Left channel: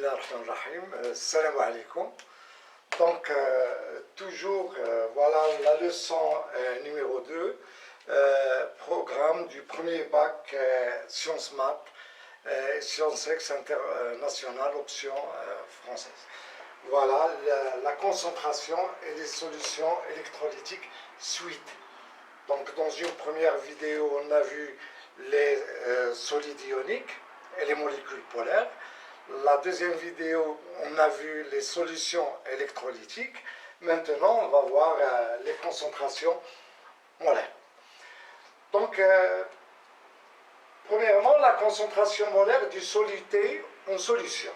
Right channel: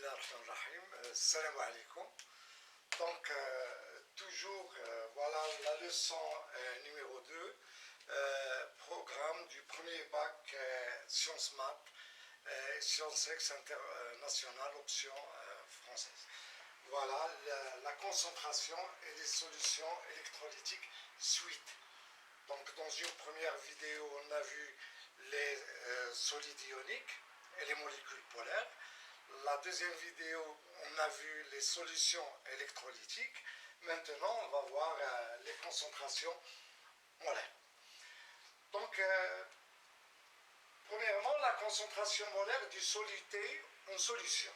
Bismillahirrahmanirrahim. Salam alaikum. Donc, toujours, voilà la leçon numéro 2, programme du premier bac sciences maths, sciences ex internationales, option française. Voilà la concentration et les solutions électrolytiques suite. Donc, dans une première vidéo, on a vu les solides ioniques et les molécules polaires. La deuxième vidéo, on a vu les solutions électrolytiques. Maintenant, on va voir les concentrations molaires. Donc, premièrement, la concentration molaire du soluté en solution.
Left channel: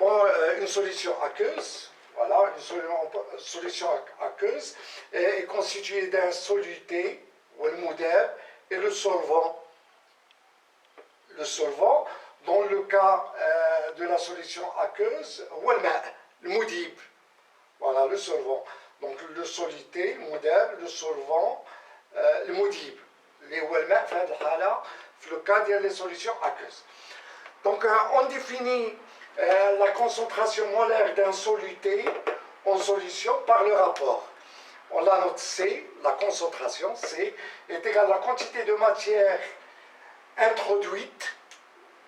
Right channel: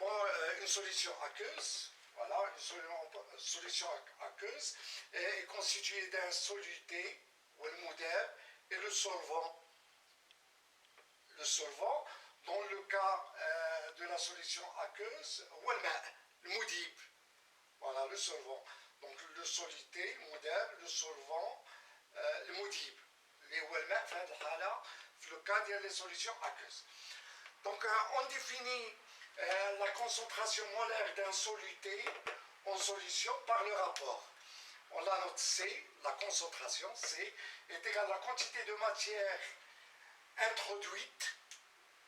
Bon, une solution aqueuse, voilà, une solution aqueuse est constituée d'un soluté, ou le mudab, et le solvant. Le solvant, dans le cas de la solution aqueuse, le moudib, voilà, le solvant. Donc le soluté, mudab, le solvant, le moudib. Les walma, le cas des solutions aqueuses. Donc on définit la concentration molaire d'un soluté en solution par le rapport. On la note C, la concentration C est égale à la quantité de matière introduite,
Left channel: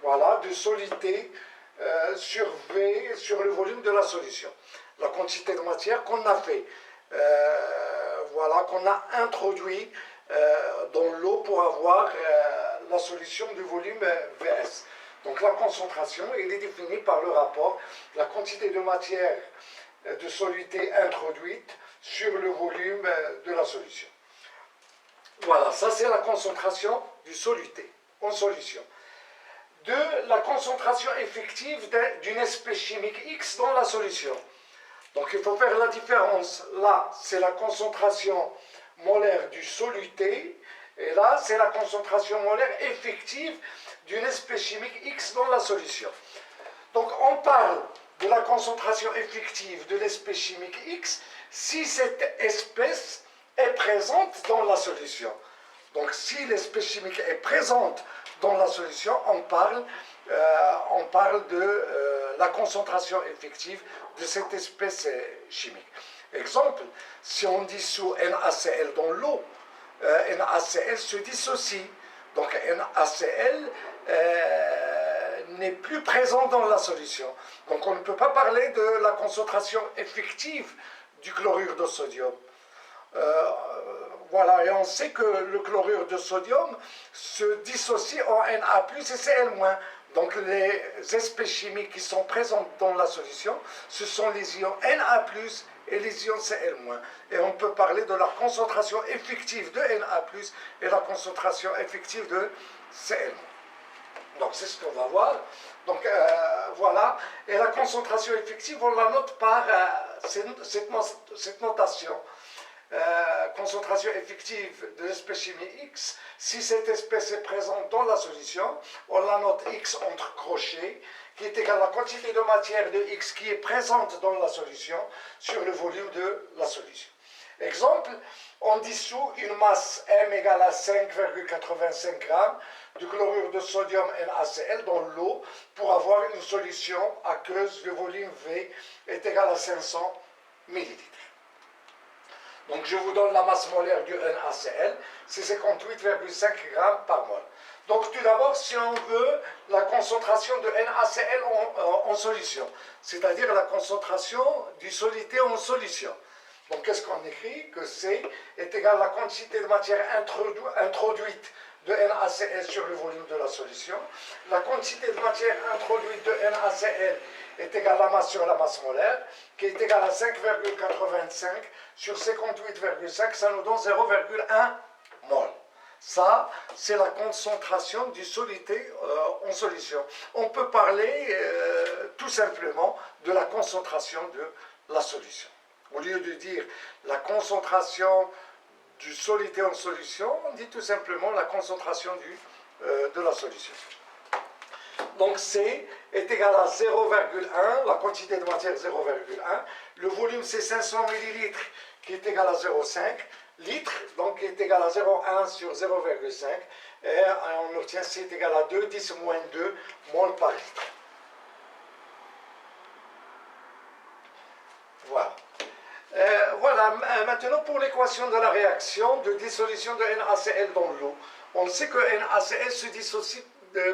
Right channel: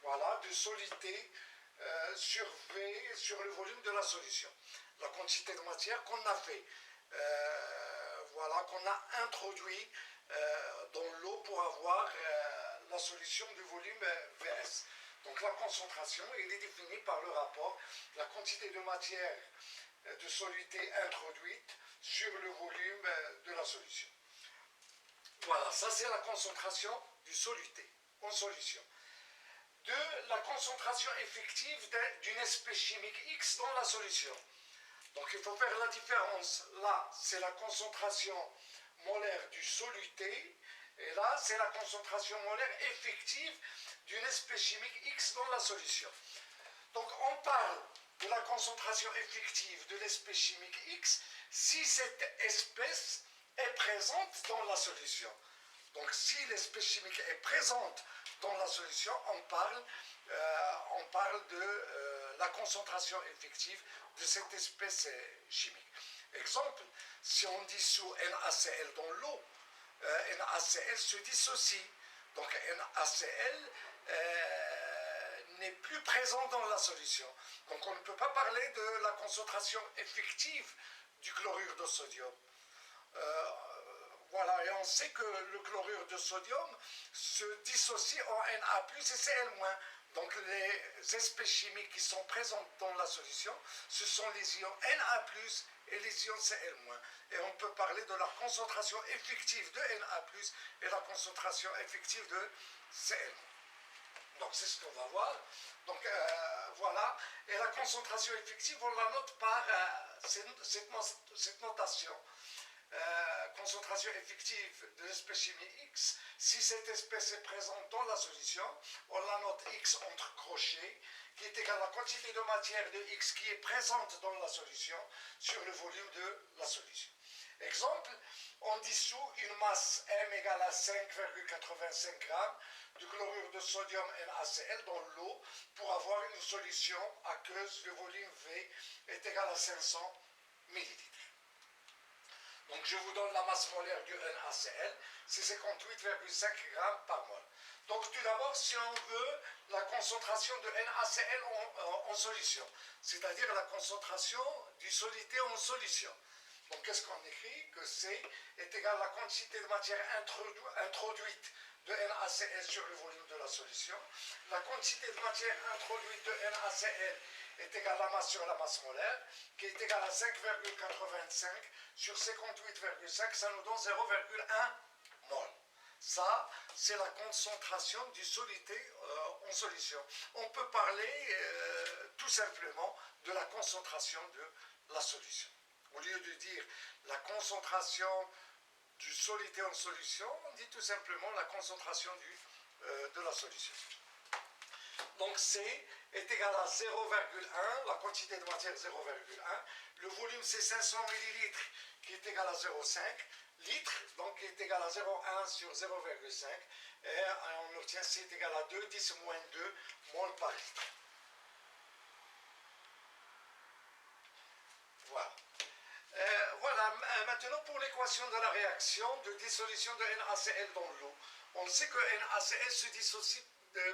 voilà, de soluté sur V, sur le volume de la solution. La quantité de matière qu'on a fait, voilà, qu'on a introduit dans l'eau pour avoir la solution du volume Vs. Donc la concentration, elle est définie par le rapport, la quantité de matière de soluté introduite sur le volume de la solution. Voilà, ça c'est la concentration du soluté en solution. De la concentration effective d'une espèce chimique X dans la solution. Donc il faut faire la différence. Là, c'est la concentration molaire du soluté, et là, c'est la concentration molaire effective d'une espèce chimique X dans la solution. Donc on parle de la concentration effective de l'espèce chimique X si cette espèce est présente dans la solution. Donc si l'espèce chimique est présente dans la solution, on parle de la concentration effective de cette espèce chimique. Exemple, si on dissout NaCl dans l'eau, NaCl se dissocie. Donc NaCl n'est plus présent dans la solution. Donc on ne peut pas parler de la concentration effective du chlorure de sodium. Voilà, et on sait que le chlorure de sodium se dissocie en Na+, et Cl-. Donc les espèces chimiques qui sont présentes dans la solution, ce sont les ions Na+, et les ions Cl-. Et on peut parler de la concentration effective de Na+, et la concentration effective de Cl-. Donc c'est ce qu'on va voir. Donc voilà, et la concentration effective, on la note par cette notation. Concentration effective de l'espèce chimique X, si cette espèce est présente dans la solution, on la note X entre crochets, qui est égale à la quantité de matière de X qui est présente dans la solution sur le volume de la solution. Exemple, on dissout une masse M égale à 5,85 g de chlorure de sodium NaCl dans l'eau pour avoir une solution aqueuse, le volume V est égal à 500 ml. Donc je vous donne la masse molaire du NaCl, c'est 58,5 g par mol. Donc tout d'abord, si on veut la concentration de NaCl en solution, c'est-à-dire la concentration du soluté en solution. Donc qu'est-ce qu'on écrit? Que C est égal à la quantité de matière introduite de NaCl sur le volume de la solution. La quantité de matière introduite de NaCl est égale à la masse sur la masse molaire, qui est égale à 5,85 sur 58,5, ça nous donne 0,1 mol. Ça, c'est la concentration du soluté en solution. On peut parler tout simplement de la concentration de la solution. Au lieu de dire la concentration du soluté en solution, on dit tout simplement la concentration de la solution. Donc C est égal à 0,1, la quantité de matière 0,1. Le volume c'est 500 ml qui est égal à 0,5 litres, donc qui est égal à 0,1 sur 0,5. Et on obtient C est égal à 2, 10 moins 2 mol par litre. Maintenant, pour l'équation de la réaction de dissolution de NaCl dans l'eau, on sait que NaCl se dissocie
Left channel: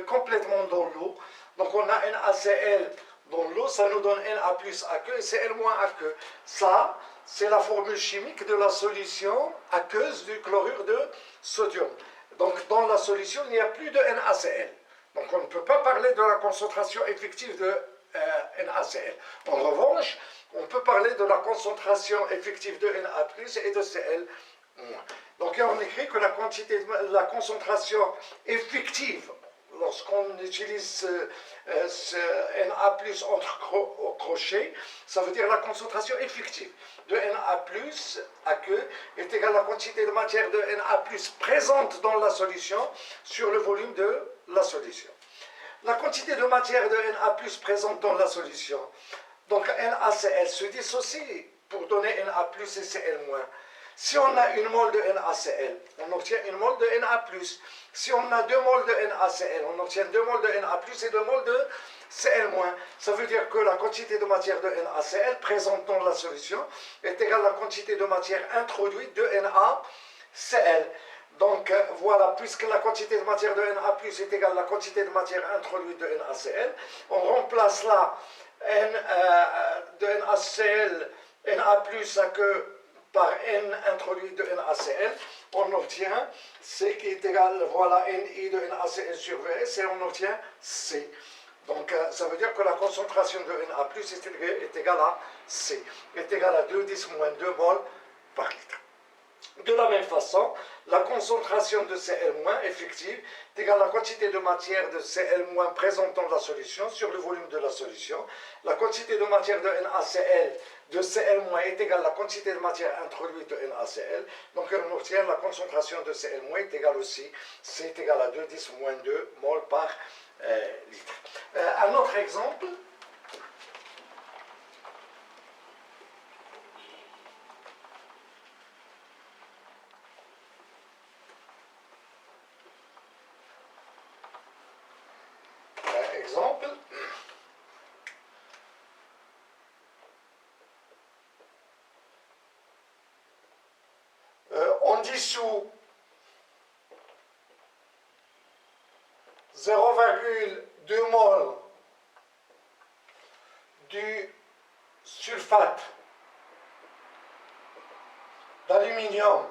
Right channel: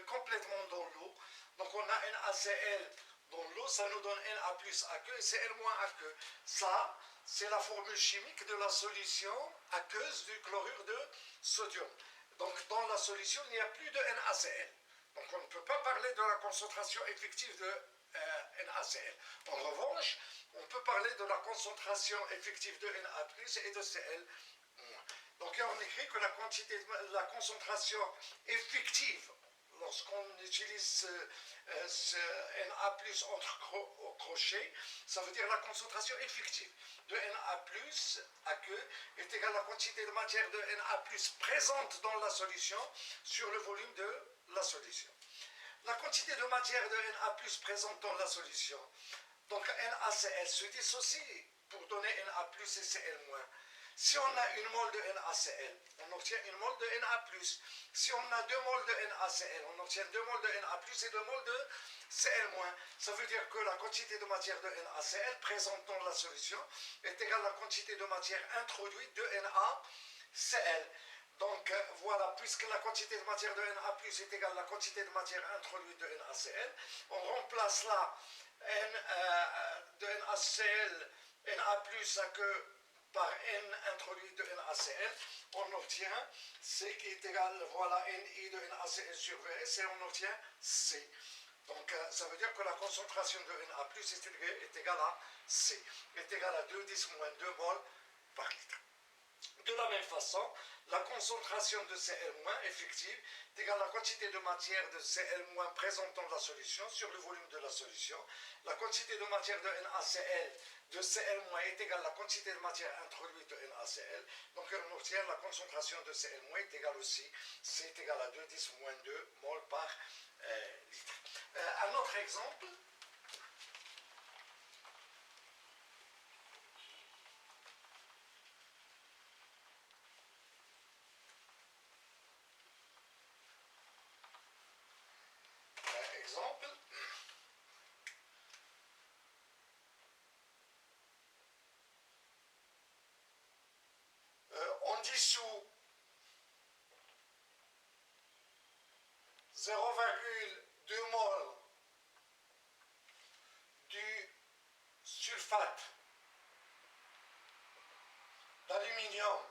complètement dans l'eau. Donc on a NaCl dans l'eau, ça nous donne Na plus aqueux et Cl moins aqueux. Ça, c'est la formule chimique de la solution aqueuse du chlorure de sodium. Donc dans la solution, il n'y a plus de NaCl. Donc on ne peut pas parler de la concentration effective de NaCl. En revanche, on peut parler de la concentration effective de Na plus et de Cl moins. Donc on écrit que la concentration effective, lorsqu'on utilise ce Na plus entre crochets, ça veut dire la concentration effective de Na plus aqueux est égale à la quantité de matière de Na plus présente dans la solution sur le volume de la solution. La quantité de matière de Na plus présente dans la solution, donc NaCl se dissocie pour donner Na plus et Cl moins. Si on a une mole de NaCl, on obtient une mole de Na plus. Si on a 2 moles de NaCl, on obtient 2 moles de Na plus et 2 moles de Cl moins. Ça veut dire que la quantité de matière de NaCl présente dans la solution est égale à la quantité de matière introduite de NaCl. Donc voilà, puisque la quantité de matière de Na plus est égale à la quantité de matière introduite de NaCl, on remplace là de NaCl, Na plus aqueux par N introduit de NaCl, on obtient C qui est égal, voilà, Ni de NaCl sur Vs, et on obtient C. Donc ça veut dire que la concentration de Na plus est égale à C, est égale à 2,10 moins 2 mol par litre. De la même façon, la concentration de Cl- effective est égale à la quantité de matière de Cl- présente dans la solution sur le volume de la solution. La quantité de matière de NaCl de Cl- est égale à la quantité de matière introduite de NaCl. Donc on obtient la concentration de Cl- est égale aussi, C est égal à 2,10 moins 2 mol par litre. Un autre exemple. Exemple. On dissout 0,2 mol du sulfate d'aluminium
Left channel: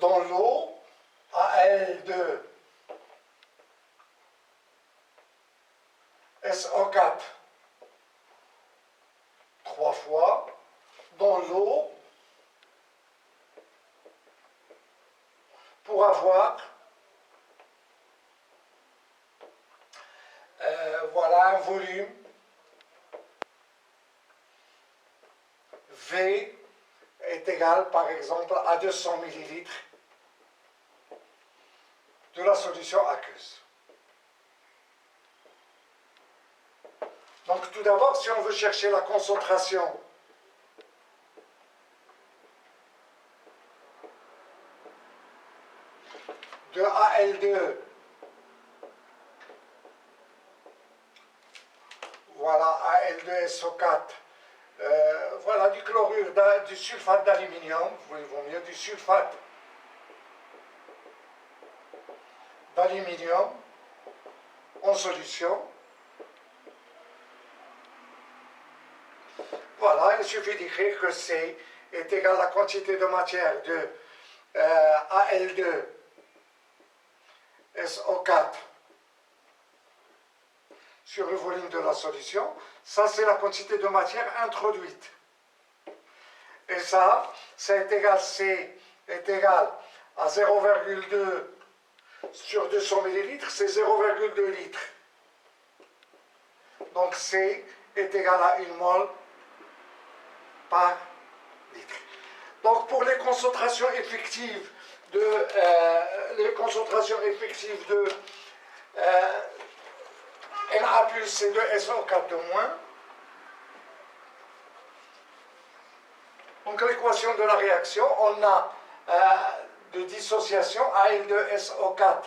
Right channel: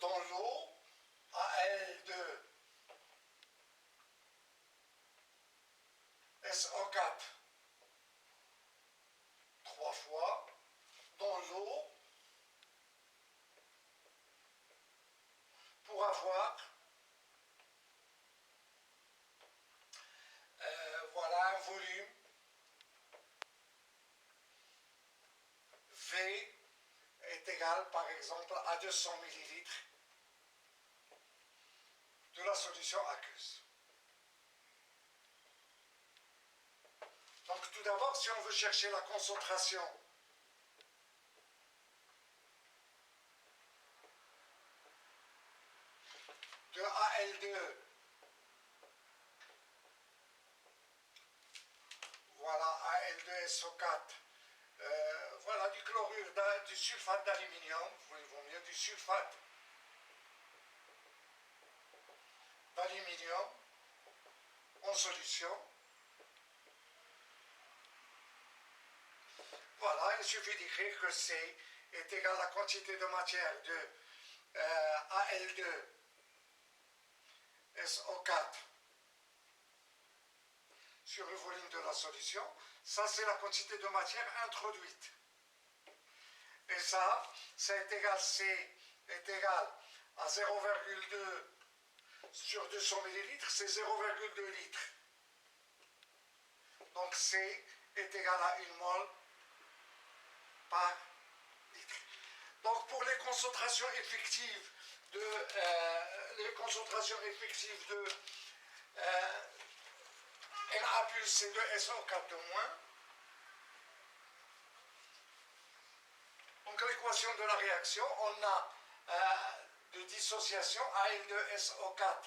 dans l'eau, Al2 SO4 3 fois, dans l'eau, pour avoir voilà un volume V est égal par exemple à 200 ml de la solution aqueuse. Donc tout d'abord, si on veut chercher la concentration de Al2, voilà Al2SO4, voilà du chlorure, du sulfate d'aluminium, il vaut mieux du sulfate d'aluminium en solution. Voilà, il suffit d'écrire que C est égal à la quantité de matière de Al2 SO4 sur le volume de la solution. Ça, c'est la quantité de matière introduite. Et ça, c'est égal, C est égal à 0,2 sur 200 ml, c'est 0,2 litres. Donc C est égal à 1 mol par litre. Donc pour les concentrations effectives de Na plus et de SO4 de moins, donc l'équation de la réaction, on a de dissociation Al2SO4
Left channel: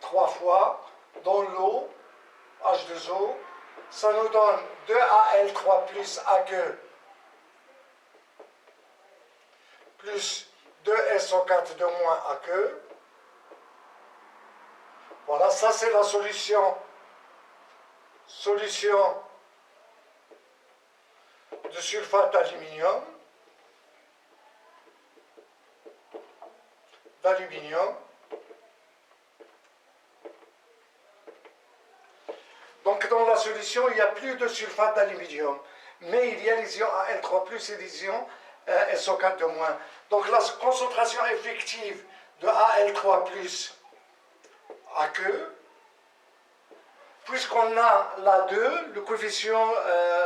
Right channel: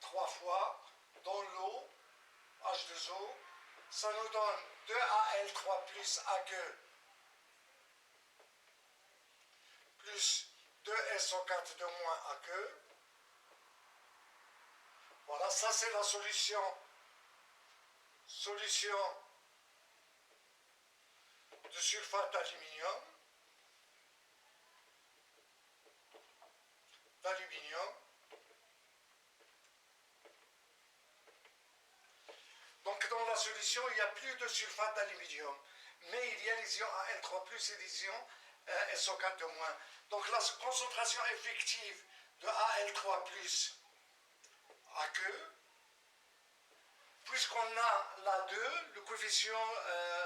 3 fois dans l'eau, H2O, ça nous donne 2Al3 plus Aq plus 2SO4 de moins Aq. Voilà, ça c'est la solution de sulfate d'aluminium. Donc dans la solution, il n'y a plus de sulfate d'aluminium, mais il y a les ions Al3+, et les ions SO4 de moins. Donc la concentration effective de Al3+ Aq, puisqu'on a la 2, le coefficient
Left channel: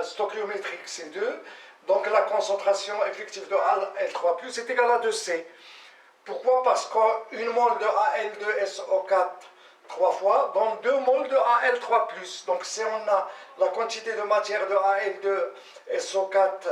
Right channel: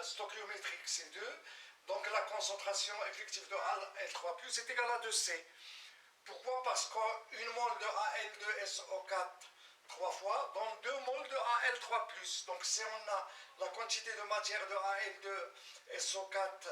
stoichiométrique c'est 2, donc la concentration effective de Al3+ est égale à 2C. Pourquoi? Parce qu'une mole de Al2SO4 3 fois donne 2 moles de Al3+. Donc si on a la quantité de matière de Al2SO4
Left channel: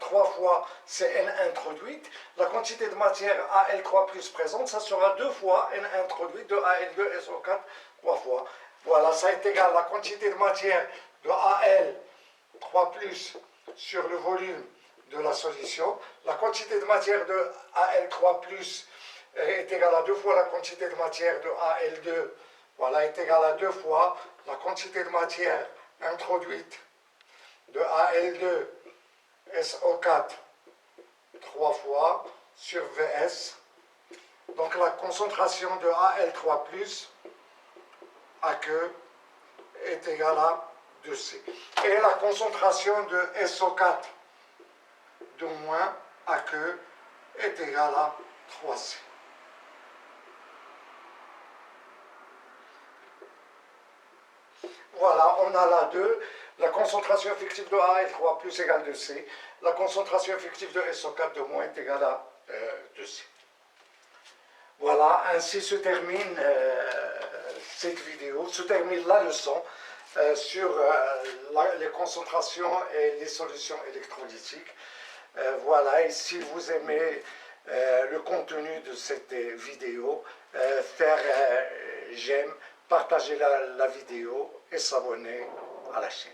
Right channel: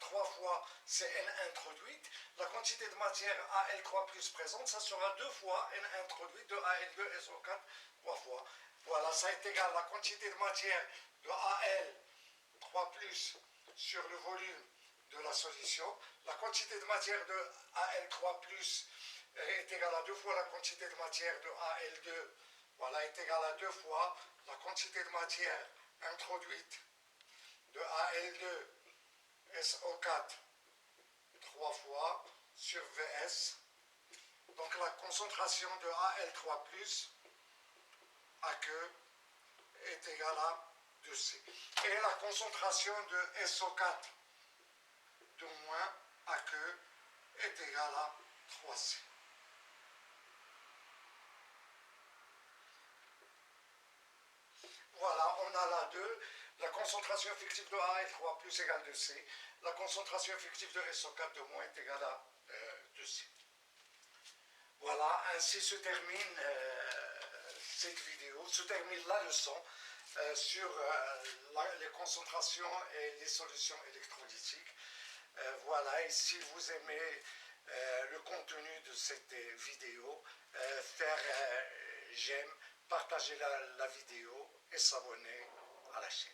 3 fois c'est N introduite, la quantité de matière Al3+ présente, ça sera 2 fois N introduite de Al2SO4 3 fois. Voilà, ça est égal à la quantité de matière de Al3+ sur le volume de la solution. La quantité de matière de Al3+ est égale à 2 fois la quantité de matière de Al2, voilà, est égale à 2 fois la quantité de matière introduite de Al2SO4 3 fois sur Vs. Donc la concentration de Al3+ Aq est égale à 2C. Et la concentration de SO4 de moins Aq est égale à 3C. Voilà, on a là 2, la concentration effective de Al3+ égale 2C, la concentration effective de SO4 de moins est égale à 2C. Voilà, ainsi se termine cette vidéo, se termine la leçon sur les concentrations et les solutions électrolytiques. Voilà, et si vous aimez le contenu de cette vidéo, faire j'aime, partager la vidéo et s'abonner à la chaîne.